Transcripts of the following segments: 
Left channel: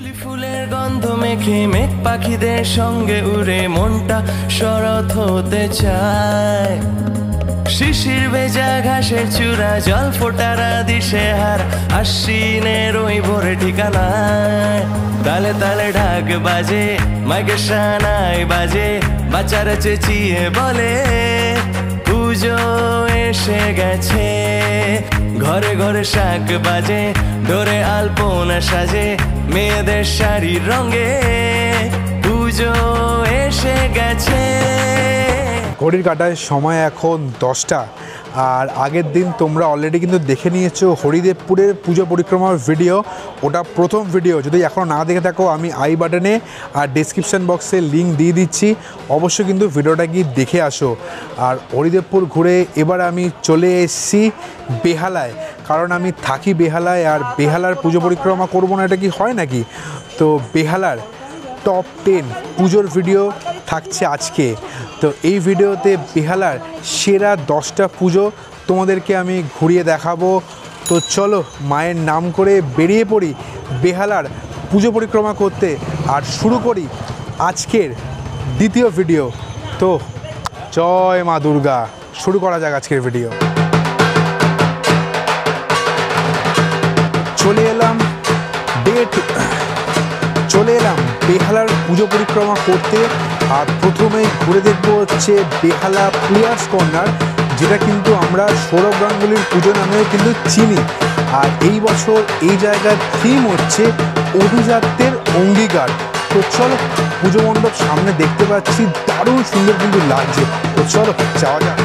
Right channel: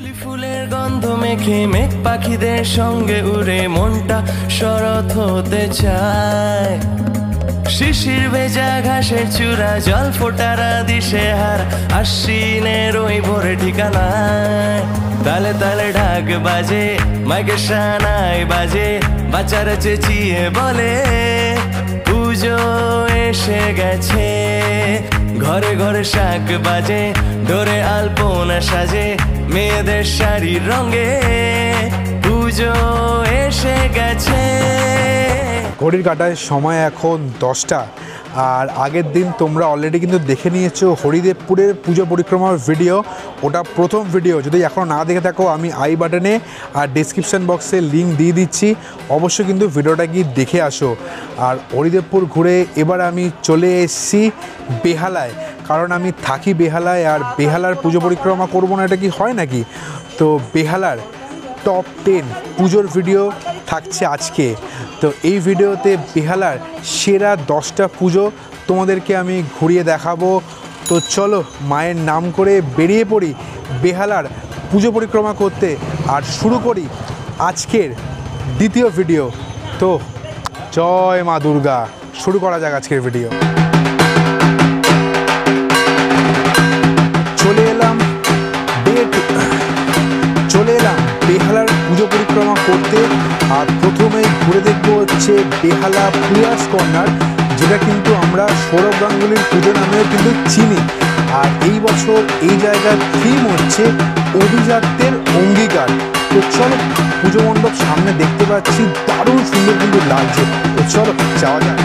শিউলি ফুলের গন্ধ মেখে মেঘ পাখিদের সঙ্গে উড়ে মনটা শরৎ হতে চায়। শিশির ভেজা ঘাসের চূড়া জল ফোটারা দিশে হার আশ্বিনের ওই ভোরে ঠিকানায়। তালে তালে ঢাক বাজে মাইকে শানায় বাজে বাচ্চারা চেঁচিয়ে বলে পুজো এসে গেছে। ঘরে ঘরে শাক বাজে ডোরে আলপনা সাজে মেয়েদের শাড়ির রঙে পুজো এসে গেছে। ঘড়ির কাঁটায় সময় এখন 10টা। আর আগের দিন তোমরা অলরেডি কিন্তু দেখে নিয়েছো হরিদেবপুরের পুজো পরিক্রমার ভিডিও। ওটা প্রথম ভিডিও, যদি এখনও না দেখে থাকো আমি আই বাটনে আর ডেসক্রিপশান বক্সে লিঙ্ক দিয়ে দিচ্ছি, অবশ্যই কিন্তু ভিডিওটা গিয়ে দেখে আসো। আর হরিদেবপুর ঘুরে এবার আমি চলে এসেছি বেহালায়, কারণ আমি থাকি বেহালায়। আর বেহালার পুজো পরিক্রমা করবো না এটা কি হয় নাকি? তো বেহালার টপ 10 পুজোর ভিডিও থাকছে আজকে। তো এই ভিডিওতে বেহালার সেরা 10টা পুজো তোমাদেরকে আমি ঘুরিয়ে দেখাবো। তো চলো মায়ের নাম করে বেরিয়ে পড়ি বেহালার পুজো পরিক্রমা করতে, আর শুরু করি আজকের দ্বিতীয় ভিডিও। তো জয় মা দুর্গা, শুরু করা যাক আজকের ভিডিও। চলে এলাম বেহালার পুজো পরিক্রমা করতে। আর প্রথমেই ঘুরে দেখবো হচ্ছে বেহালা প্লেয়ার্স কর্নার, যেটা কিন্তু আমরা সৌরভ গাঙ্গুলির পুজো নামেও কিন্তু চিনি। আর এই বছর এই জায়গার থিম হচ্ছে অভিজাত্যের অঙ্গীকার। তো চলো পুজো মণ্ডপ সামনে দেখতে পাচ্ছি, দারুণ সুন্দর কিন্তু লাগছে। তো চলো যাওয়া যাক।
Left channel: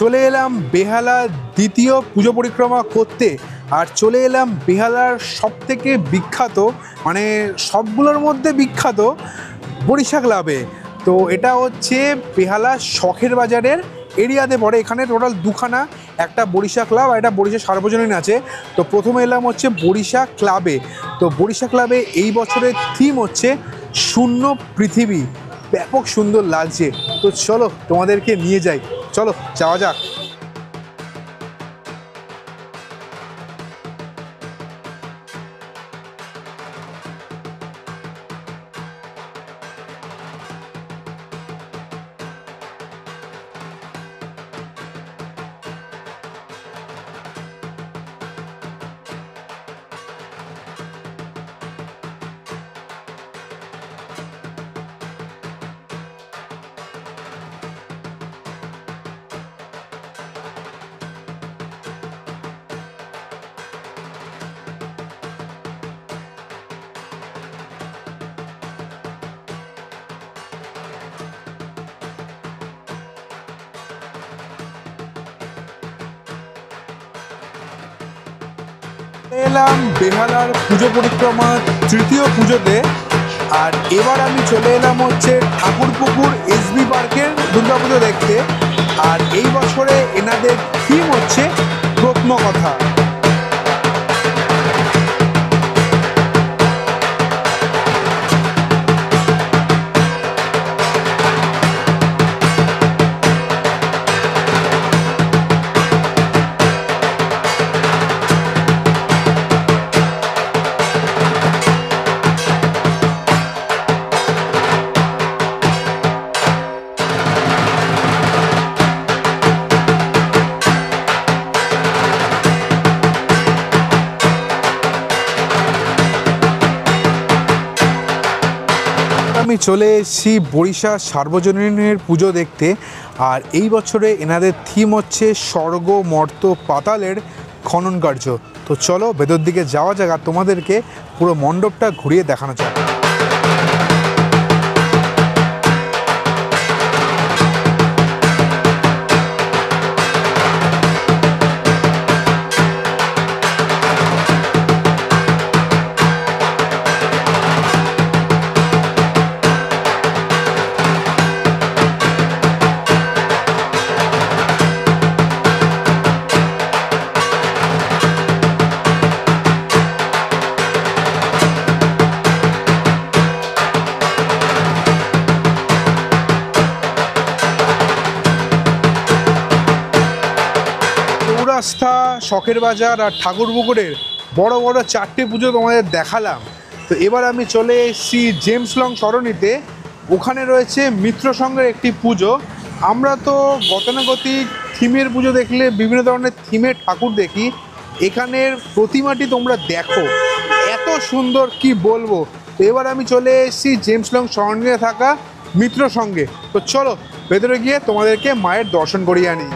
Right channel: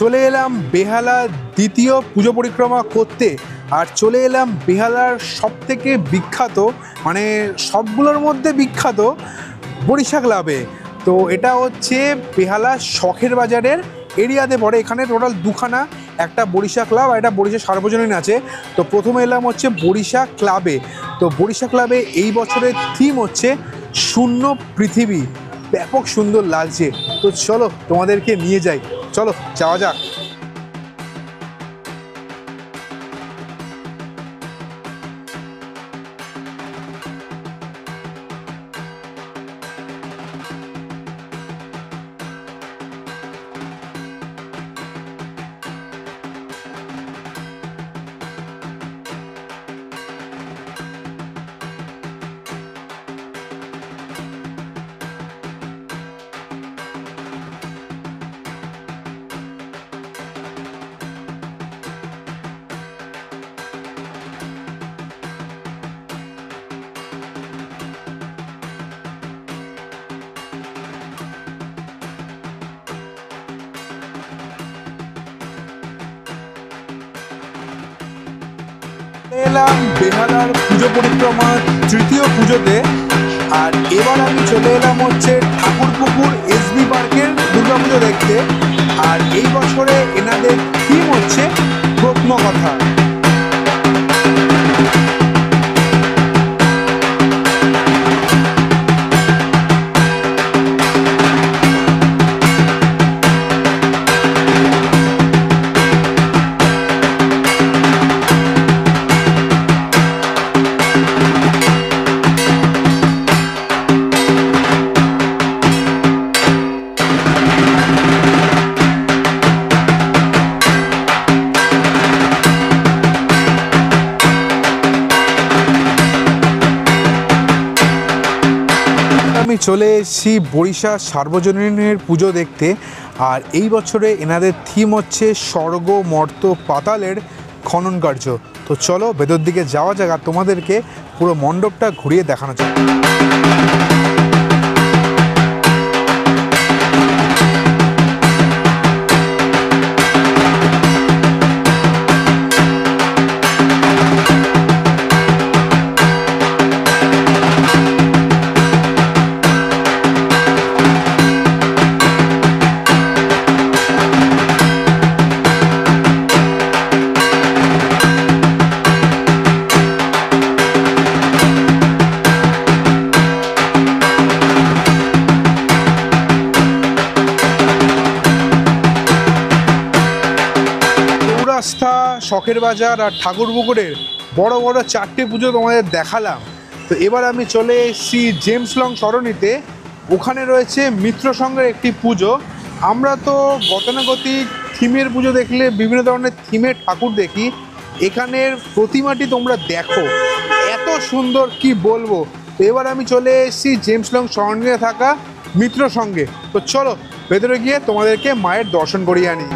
চলে এলাম বেহালা দ্বিতীয় পুজো পরিক্রমা করতে। আর চলে এলাম বেহালার সবথেকে বিখ্যাত, মানে সবগুলোর মধ্যে বিখ্যাত বরিশা ক্লাবে। তো এটা হচ্ছে বেহালা শখের বাজারের এরিয়াতে পড়ে। এখানে টোটাল দুখানা, একটা বরিশা ক্লাব আর একটা বরিশা সার্বজনীন আছে। তো প্রথমে এলাম হচ্ছে বরিশা ক্লাবে। তো বরিশা ক্লাবে এই বছরের থিম হচ্ছে শূন্য পৃথিবী, ব্যাপক সুন্দর লাগছে। তো চলো তোমাদেরকে নিয়ে যাই, চলো যাওয়া যাক। এলাম বেহালার পুজো পরিক্রমা তৃতীয় পুজোতে। আর এবার আমি চলে এলাম হচ্ছে ঠাকুরপুকুর এসবি পার্কের দুর্গাপুজো দেখতে। আর এই বছরে এনাদের থিম হচ্ছে প্রত্নকথা। আমি চলে এসেছি বরিশা সার্বজনীনের পুজো দেখতে। আর এই বছরে এনাদের থিম হচ্ছে স্বর্গ মর্ত পাতালের খনন কার্য। তো চলো ভেতর দিকে যাওয়া যাক আর তোমাদেরকে পুরো মণ্ডপটা ঘুরিয়ে দেখানো যাক। আস্থা, শখের বাজার আর ঠাকুরপুকুরের বড় বড় 4টে পুজো তোমাদের দেখালাম। তো এবার আমি চলে এসেছি জেমস লং সরণিতে। ওখানে রয়েছে মিত্র সংঘের একটি পুজো। আমরা তো গতানুগতিক থিমের পুজো দেখলে বিভিন্ন ধরনের থিমের ঠাকুর দেখি, এখানের প্রতিমাটি তোমরা দেখো এত সুন্দর কি বলবো। তো এবার আমি চলে এসেছি জেমস লং সরণিতে থাকা মিত্র সংঘে। তো চলো ভেতরে গিয়ে তোমাদেরকে মায়ের দর্শন করিয়ে আনি।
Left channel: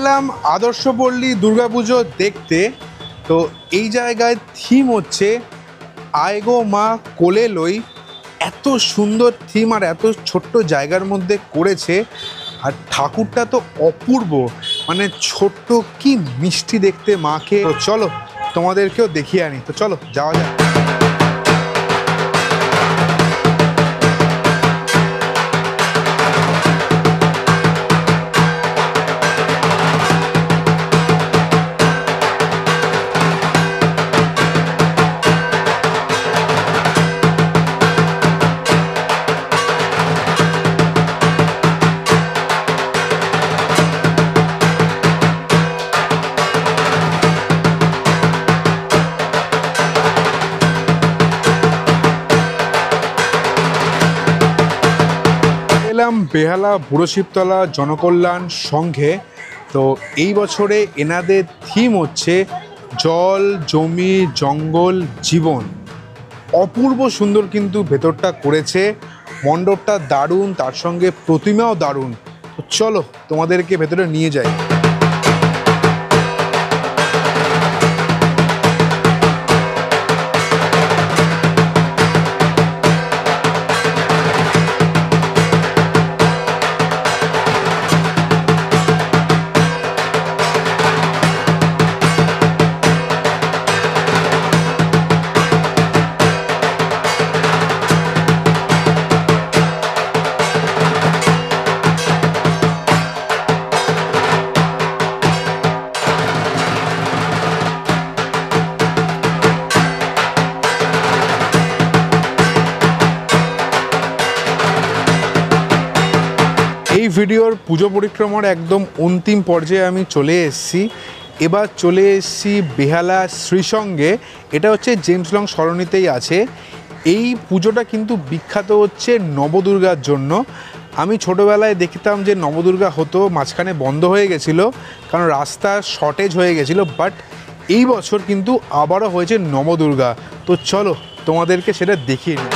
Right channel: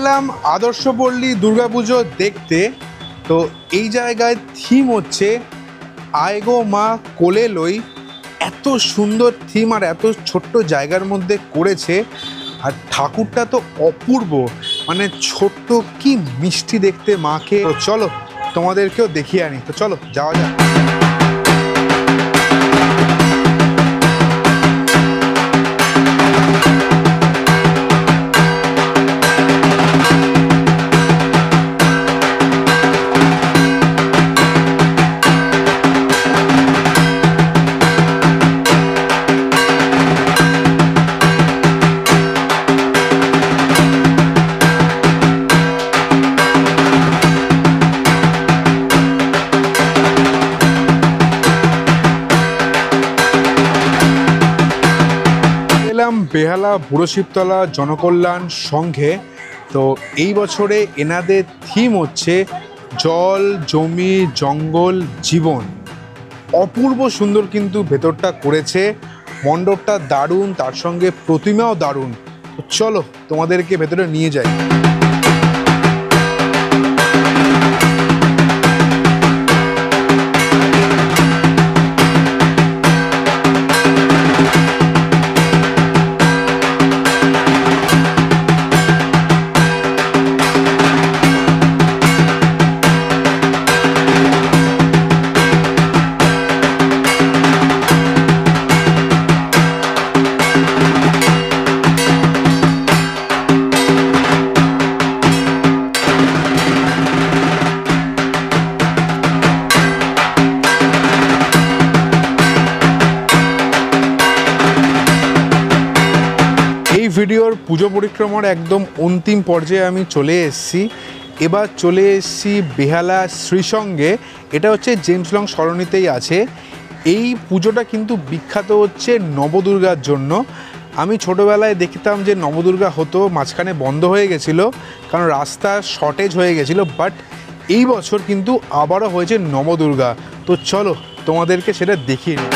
এলাম আদর্শপল্লী দুর্গাপুজো দেখতে। তো এই জায়গায় থিম হচ্ছে আয়গো মা কোলে লই। এত সুন্দর থিম আর এত ছোট্ট জায়গার মধ্যে করেছে, আর ঠাকুরটা তো অপূর্ব, মানে ছোট্ট কি মিষ্টি দেখতে মাকে। তো চলো তোমাদেরকেও দেখিয়ে আনি। তো চলো যাওয়া যাক। এলাম বেহালা বুড়ো শিবতলা জনকল্যাণ সংঘে। তো এই বছরে এনাদের থিম হচ্ছে জল, জমি, জঙ্গল, জীবন। অপূর্ব সুন্দর কিন্তু ভেতরটা করেছে, মণ্ডপটা দারুণ, তার সঙ্গে প্রতিমাও দারুণ। তো চলো তোমাদেরকে ভেতরে নিয়ে যাই। এই ভিডিওর পুজো পরিক্রমার একদম অন্তিম পর্যায়ে আমি চলে এসেছি। এবার চলে এসেছি বেহালা শ্রীসঙ্গে। এটা হচ্ছে জেমস লং সরণিতেই আছে। এই পুজোটা কিন্তু বিখ্যাত হচ্ছে নবদুর্গার জন্য। আমি ছোটোবেলায় দেখতাম যে নবদুর্গা হতো, মাঝখানে বন্ধ হয়ে গেছিলো কারণ রাস্তা শর্টেজ হয়ে গেছিলো, বাট এই বছর কিন্তু আবারও হয়েছে নবদুর্গা। তো চলো তোমাদেরকে সেটা দেখিয়ে নিই।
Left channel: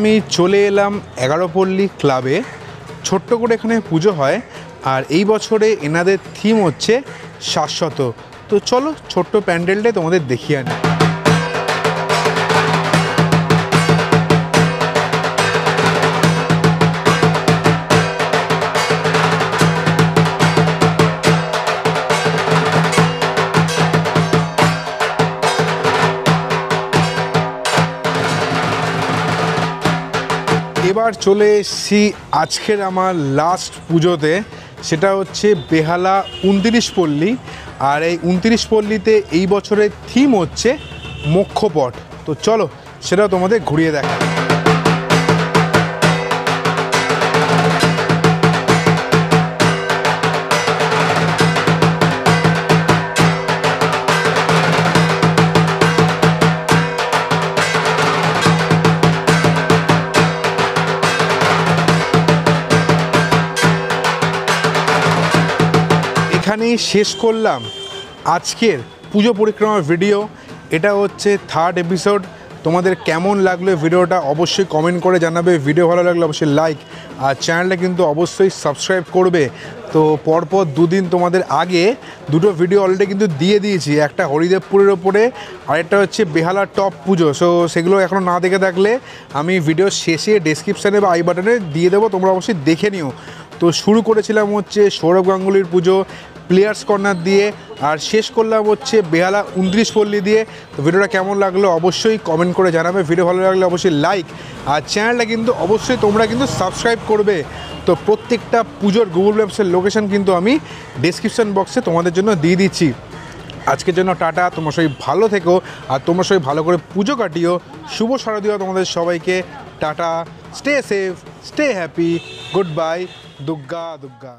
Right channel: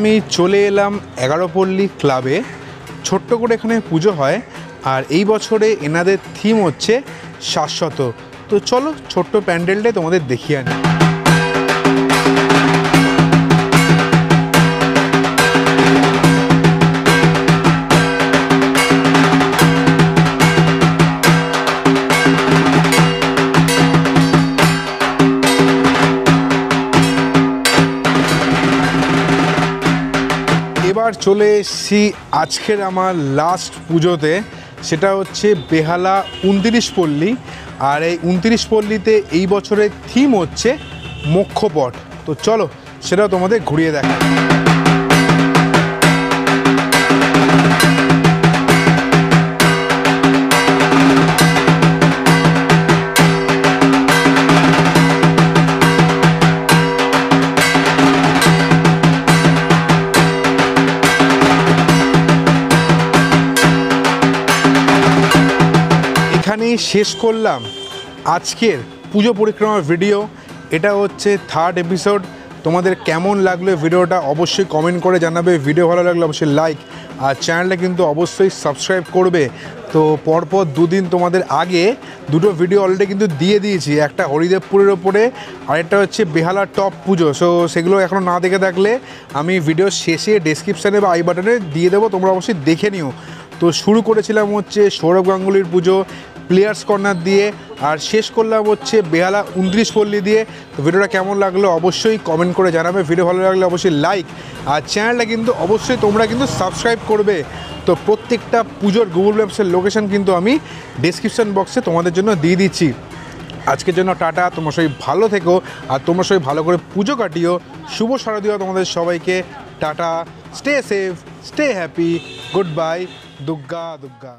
আমি চলে এলাম 11 পল্লী ক্লাবে। ছোট্ট করে এখানে পুজো হয়, আর এই বছরে এনাদের থিম হচ্ছে শাশ্বত। তো চলো ছোট্ট প্যান্ডেলটা তোমাদের দেখিয়ে আনি। এবার চলে এসেছি আজকের আমার লাস্ট পুজোতে, সেটা হচ্ছে বেহালা 29 পল্লী। আর এই 29 পল্লীতে এই বছরের থিম হচ্ছে মোক্ষপট। তো চলো সেটাও তোমাদের ঘুরিয়ে দেখাই। এখানেই শেষ করলাম আজকের পুজো পরিক্রমার ভিডিও। এটা হচ্ছে 3rd এপিসোড। তোমাদের কেমন লাগলো ভিডিওটা অবশ্যই কমেন্ট করে জানাবে। ভিডিও ভালো লাগলে অবশ্যই লাইক, আর চ্যানেলটা কিন্তু অবশ্যই সাবস্ক্রাইব করবে। তো পরপর 2 দিন তোমাদের আগে 2টো ভিডিও অলরেডি কিন্তু দিয়ে দিয়েছি, একটা হরিদেবপুরের ওপরে, আরেকটা হচ্ছে বেহালা টপ পুজো। সো সেগুলো এখনও না দেখে থাকলে আমি ভিডিও শেষে ডেসক্রিপশানে বা আই বাটনে দিয়ে দেবো, তোমরা অবশ্যই দেখে নিও। তো শুরু করেছিলাম হচ্ছে সৌরভ গাঙ্গুলির পুজো প্লেয়ার্স কর্নার দিয়ে, আর শেষ করলাম হচ্ছে বেহালা 29 পল্লী দিয়ে। তো ভিডিওটা কেমন লাগলো অবশ্যই কমেন্ট করে জানাবে। ভিডিও ভালো লাগলে অবশ্যই লাইক, আর চ্যানেলটা কিন্তু অবশ্যই তোমরা কিন্তু সাবস্ক্রাইব করবে। তো প্রত্যেকটা পুজোর গুগল ম্যাপসের লোকেশন কিন্তু আমি ডেসক্রিপশন বক্সে তোমাদের জন্য দিয়ে দিচ্ছি। আজকের জন্য টাটা, তোমরা সবাই ভালো থেকো, আর তোমরা সবাই ভালো করে পুজো কাটিও। শুভ শারদীয় তোমাদের সবাইকে। Tata, stay safe, stay happy, good bye, Durga Durga.